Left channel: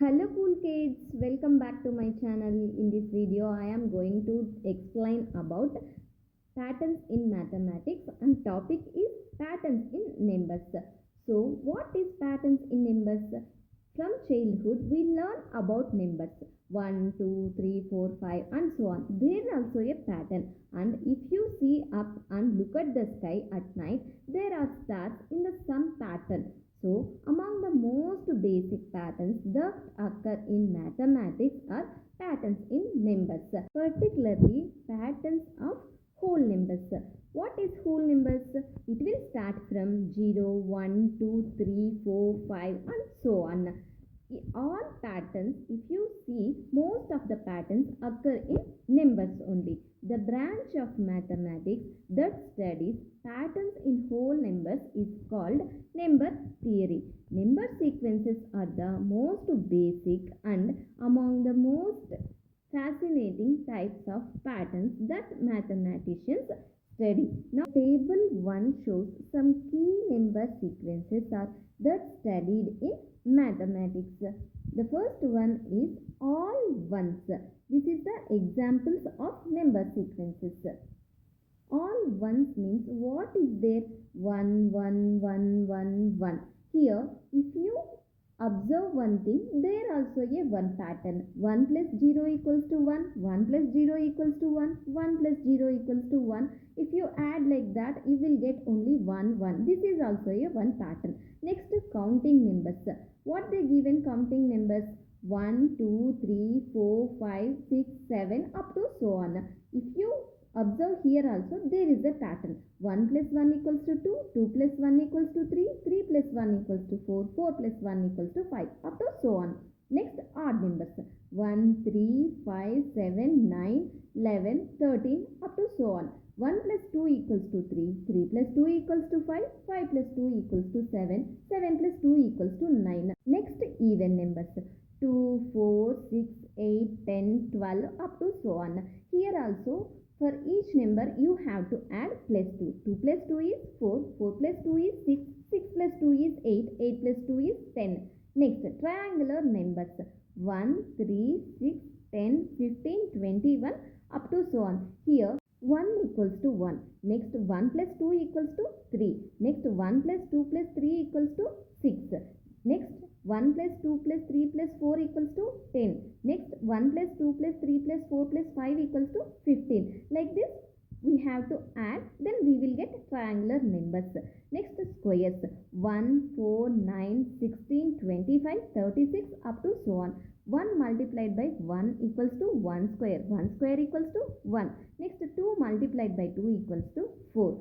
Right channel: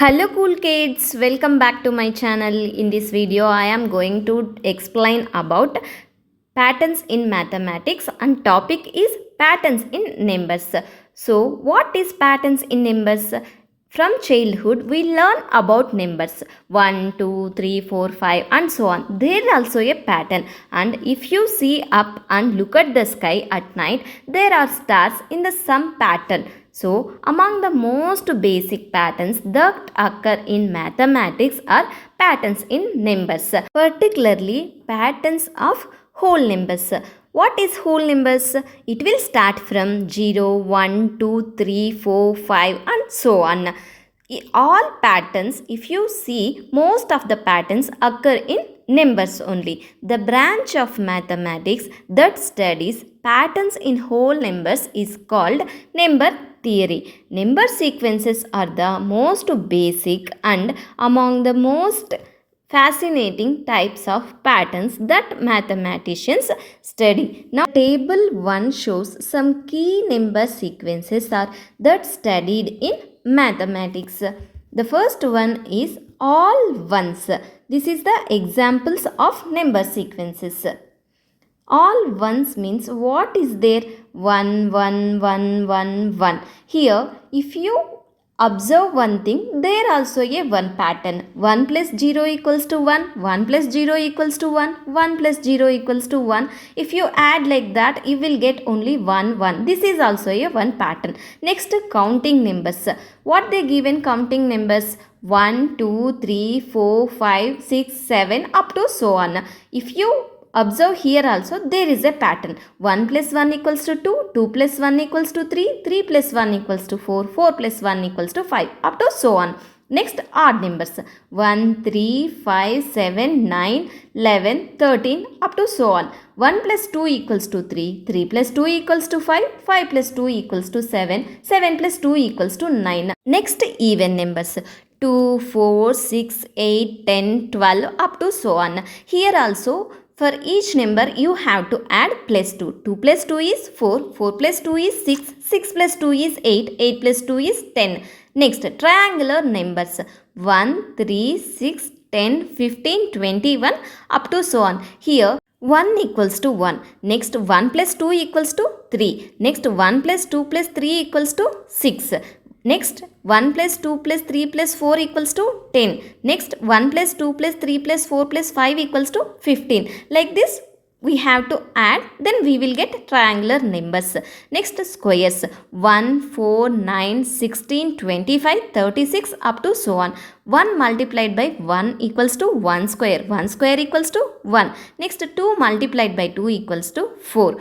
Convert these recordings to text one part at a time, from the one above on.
Hello cool kids, welcome back to my channel. In this video I am going to explain about patterns in mathematics and topic is patterns in numbers. So what is patterns in numbers? From childhood we learn about numbers 1, 2, 3, 4, 5 and so on. There is also a pattern, and if you see up and look at the sky at night, there are stars in the some pattern. So, among the most basic patterns that occur in mathematics are patterns in numbers, particularly patterns of whole numbers. What is whole numbers? It will start from 0, 1, 2, 3, 4, 5 and so on. All patterns, if you see, most of the patterns occur in numbers only. The branch of mathematics that studies patterns in whole numbers is called number theory. Number sequences are the most basic and among the most fascinating types of patterns that mathematicians study. Now, table 1 shows some key number sequences are that studied in mathematics. The first one is all ones. This is the examples of number sequences. All ones means what is there? 1, 1, 1, 1, 1. Here, if you observe one thing, there also a 1 pattern. 1 plus 0 equals to 1, 1 plus 0 equals to 1, 1 plus 0 equals to 1. If you add like that, you will get only 1, 1. This is also a 1 pattern. Next, counting numbers. What they give in counting numbers? 1, 2, 3, 4, 5, 6, 7 up to so on. If you observe here also there is a pattern. 1 plus 1 equals to 2, 2 plus 1 equals to 3, 3 plus 1 equals to 4, 4 plus 1 equals to 5 up to so on. Next, odd numbers 1, 3, 5, 7, 9, 11, 13 up to so on. 1 plus 2 equals to 3, 3 plus 2 equals to 5, 5 plus 2 equals to 7, 7 plus 2 equals to 9. Next, even numbers 2, 4, 6, 8, 10, 12 up to so on. Here also for each number you have to add plus 2. 2 plus 2 is 4, 4 plus 2 is 6, 6 plus 2 is 8, 8 plus 2 is 10. Next, triangular numbers 1, 3, 6, 10, 15, 21 up to so on. Here 1 equals to 1. Next 1 plus 2 equals to 3. Next 1 plus 2 plus 3 equals to 6. Next 1 plus 2 plus 3 plus 4 equals to 10. Next 1 plus 2 plus 3 plus 4 plus 5 equals to 15. Like this we have to add, then we will get triangular numbers. Next, squares 1, 4, 9, 16, 25, 36 up to so on. 1 multiplied by 1 equals to 1 square. 1 square equals to 1. Next 2 multiplied by 2 equals to 4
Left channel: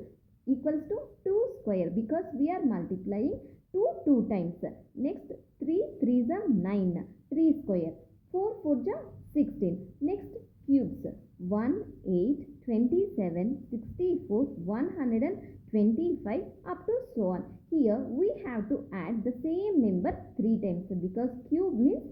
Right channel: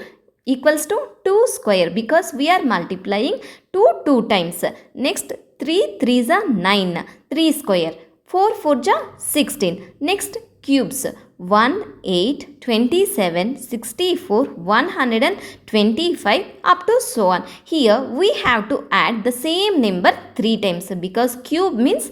equals to 2 square because we are multiplying 2 times. Next 3 3s are 9, 3 square. 4 4s are 16. Next, cubes 1, 8, 27, 64, 125 up to so on. Here we have to add the same number 3 times because cube means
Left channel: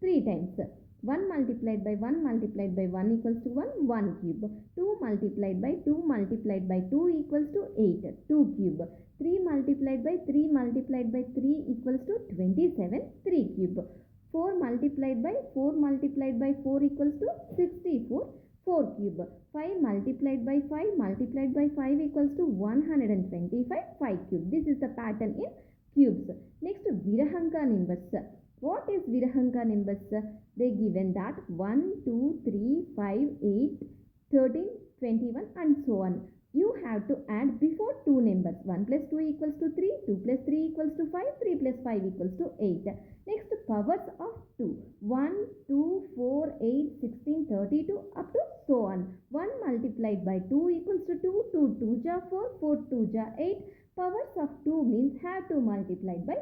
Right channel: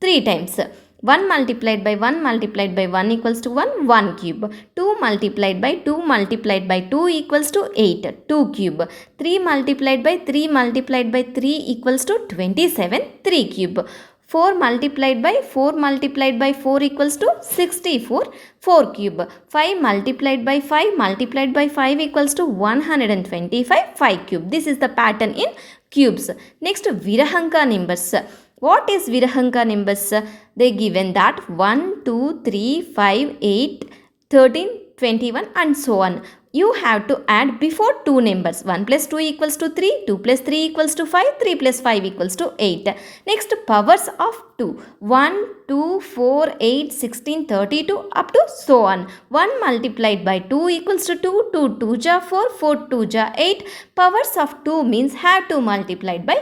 3 times. 1 multiplied by 1 multiplied by 1 equals to 1, 1 cube. 2 multiplied by 2 multiplied by 2 equals to 8, 2 cube. 3 multiplied by 3 multiplied by 3 equals to 27, 3 cube. 4 multiplied by 4 multiplied by 4 equals to 64, 4 cube. 5 multiplied by 5 multiplied by 5 equals to 125, 5 cube. This is the pattern in cubes. Next, Virahanka numbers. What is Virahanka numbers? They given that 1, 2, 3, 5, 8, 13, 21 and so on. You have to add before two numbers. 1 plus 2 equals to 3, 2 plus 3 equals to 5, 3 plus 5 equals to 8. Next, powers of 2. 1, 2, 4, 8, 16, 32 up to so on. 1 multiplied by 2 equals to 2, 2 2 ja 4, 4 2 ja 8. Powers of 2 means have to multiplied by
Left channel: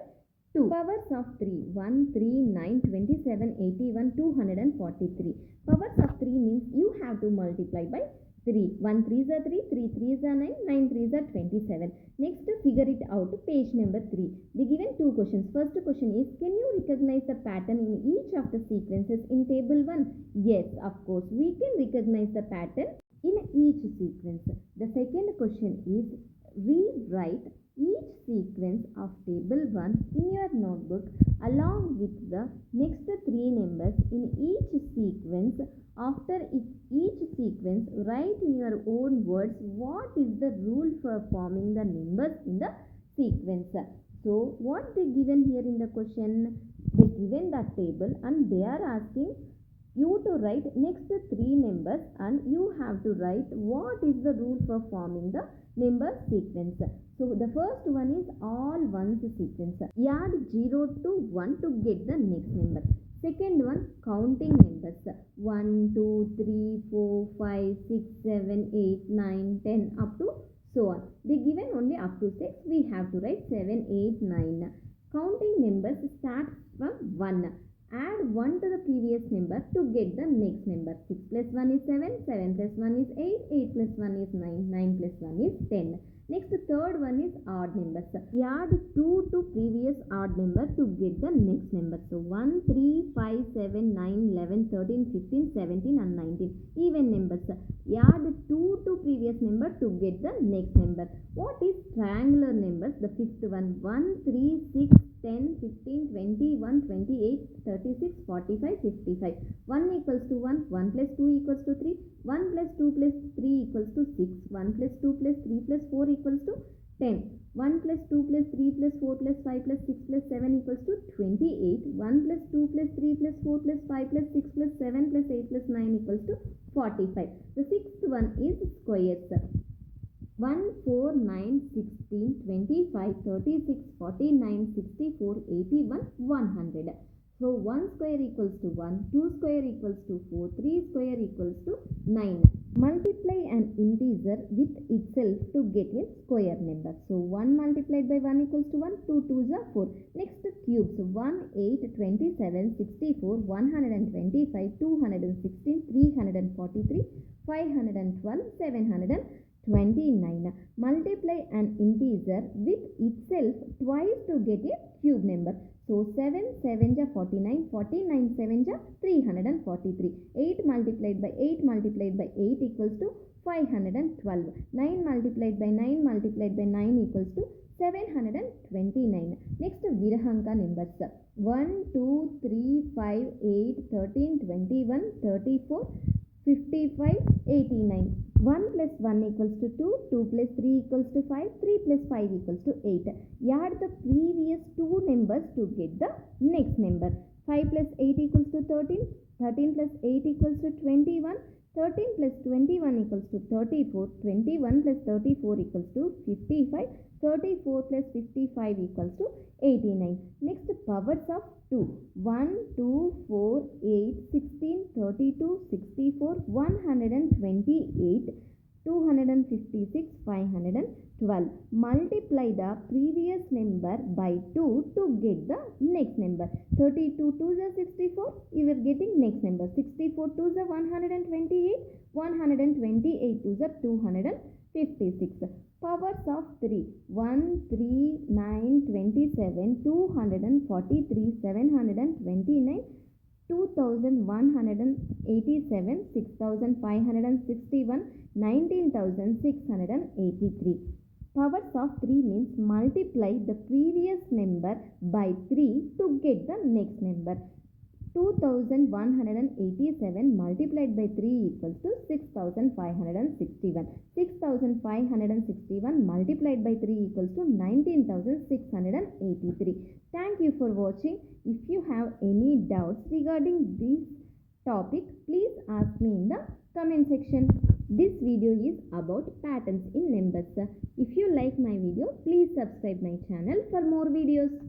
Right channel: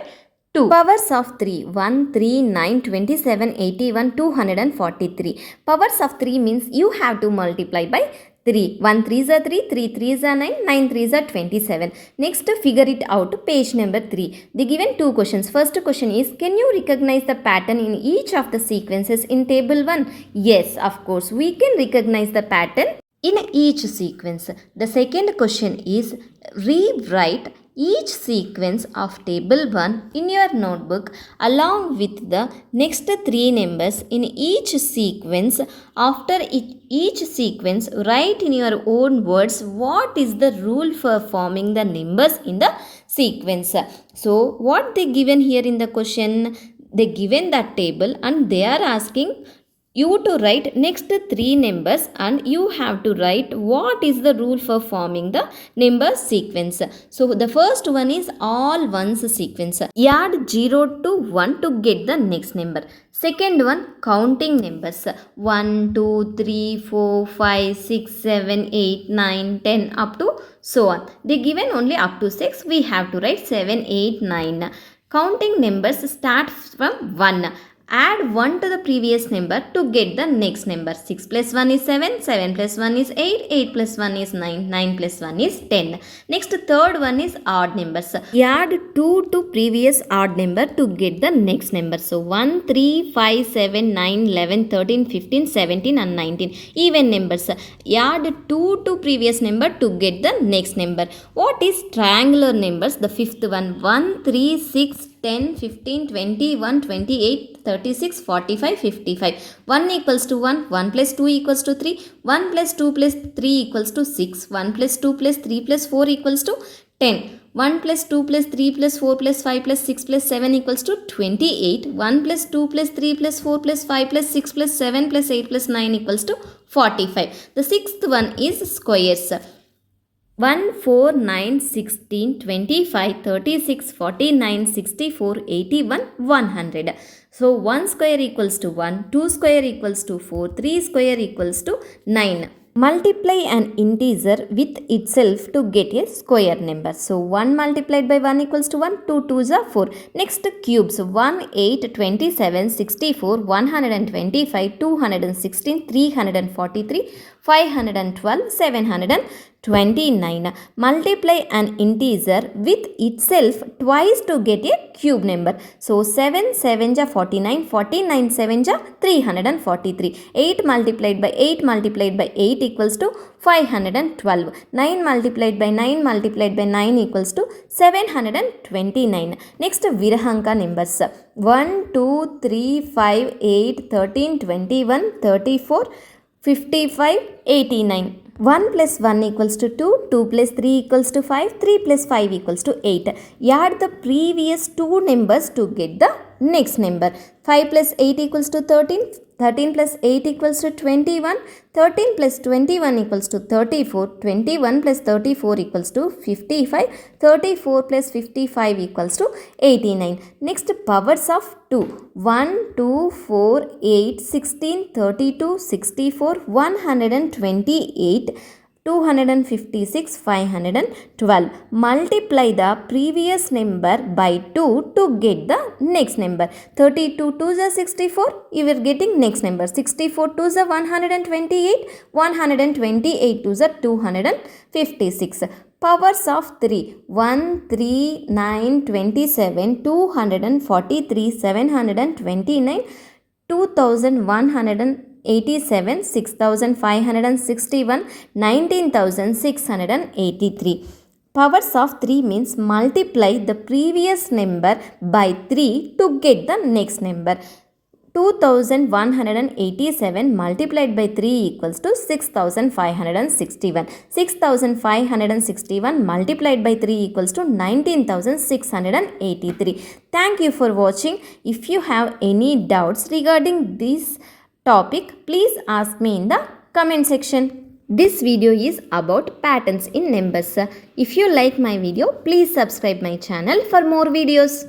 2. Powers of 3. 1, 3, 9, 27, 81, 243. Powers of 3 means you have to multiply by 3. 1 3s are 3, 3 3s are 9, 9 3s are 27. Next, figure it out. Page number 3. They given two questions. First question is, can you recognize the pattern in each of the sequences in table 1? Yes, of course, we can recognize the pattern in each sequence. The second question is, rewrite each sequence of table 1 in your notebook along with the next 3 numbers in each sequence. After each sequence, write in your own words what is the rule for forming the numbers in the sequence. So what they given here in the question, they given that table and they are asking you to write next 3 numbers and you have to write what is the rule for forming the number sequence. So the first one is all ones sequence. Add 0 to 1 to get the next number. Second one, counting numbers 1, 2, 3, 4, 5, 6, 7, 8, 9, 10 up to so on. They given only up to 6. We have to write 7, 8, 9. Counting numbers start from 1. Add 1 to the previous number to get the next number. 6 plus 1 is 7, 7 plus 1 is 8, 8 plus 1 is 9, 9 plus 1 is 10. Next third one is odd numbers. Add 2 to previous odd number to get the next number. So 1, 3, 5, 7, 9, 11, 13, 15, 17 and 19. Even numbers. Add 2 to previous number to get the next number. What is triangular numbers? The fifth one. 1, 3, 6, 10, 15, 21, 28, 36, 45, 55. 1 equals to 1, 1 plus 2 equals to 3, 1 plus 2 plus 3 equals to 6, 1 plus 2 plus 3 plus 4 equals to 10. 1 plus 2 plus 3 plus 4 plus 5 plus 6 plus 7 equals to 28. 1 plus 2 plus 3 plus 4 plus 5 plus 6 plus 7 plus 8 plus 9 equals to 45. The sixth one is squares. 1, 4, 9, 16, 25, 36, 49, 64, 81, 100. So 1 square equals to 1, 2 square equals to 4, 3 square equals to 9. Multiply an integer with itself to get a square number. So 1 multiplied by 1 equals to 1, 2 2s are 4. Next cubes 1, 8, 27, 64, 125, 216, 343, 512, 729. Multiply an integer with itself twice to get a cube number. So 7 7s are 49, 49 7s are 343. 8 multiplied by 8 multiplied by 8 equals to 512. 9 multiplied by 9 multiplied by 9 equals to 729. Next Virahanka numbers. 1, 2, 3, 5, 8, 13, 21, 34, 55, 89. 1 plus 1 equals to 2, 2 plus 3 equals to 5, 3 plus 5 equals to 8. Add the previous two numbers to get the next number. 5 plus 8 equals to 13, 13 plus 8 equals to 21, 13 plus 21 equals to 34, 21 plus 34 equals to 55, 34 plus 55 equals to 89. Next powers of 2. 1, 2, 4, 8, 16, 32, 64, 128, 256, 512. Multiply the previous number by 2 to get the next number. 32 2s are 64. You are getting next number. 64 2s are 128. 128 2s are 256. Powers of 3. 1, 3, 9, 27, 243, 729, 2187, 6561, 19683. Powers of 3 means multiply the previous number by 3 to get the next number. 2187 multiplied by 3 equals to 6561. 6561 multiplied by 3 equals to 19683. Thank you for watching. If you have any doubts regarding this topic, please ask me in the comment section. This video is about patterns in numbers. If you like my video, please subscribe my channel for more videos.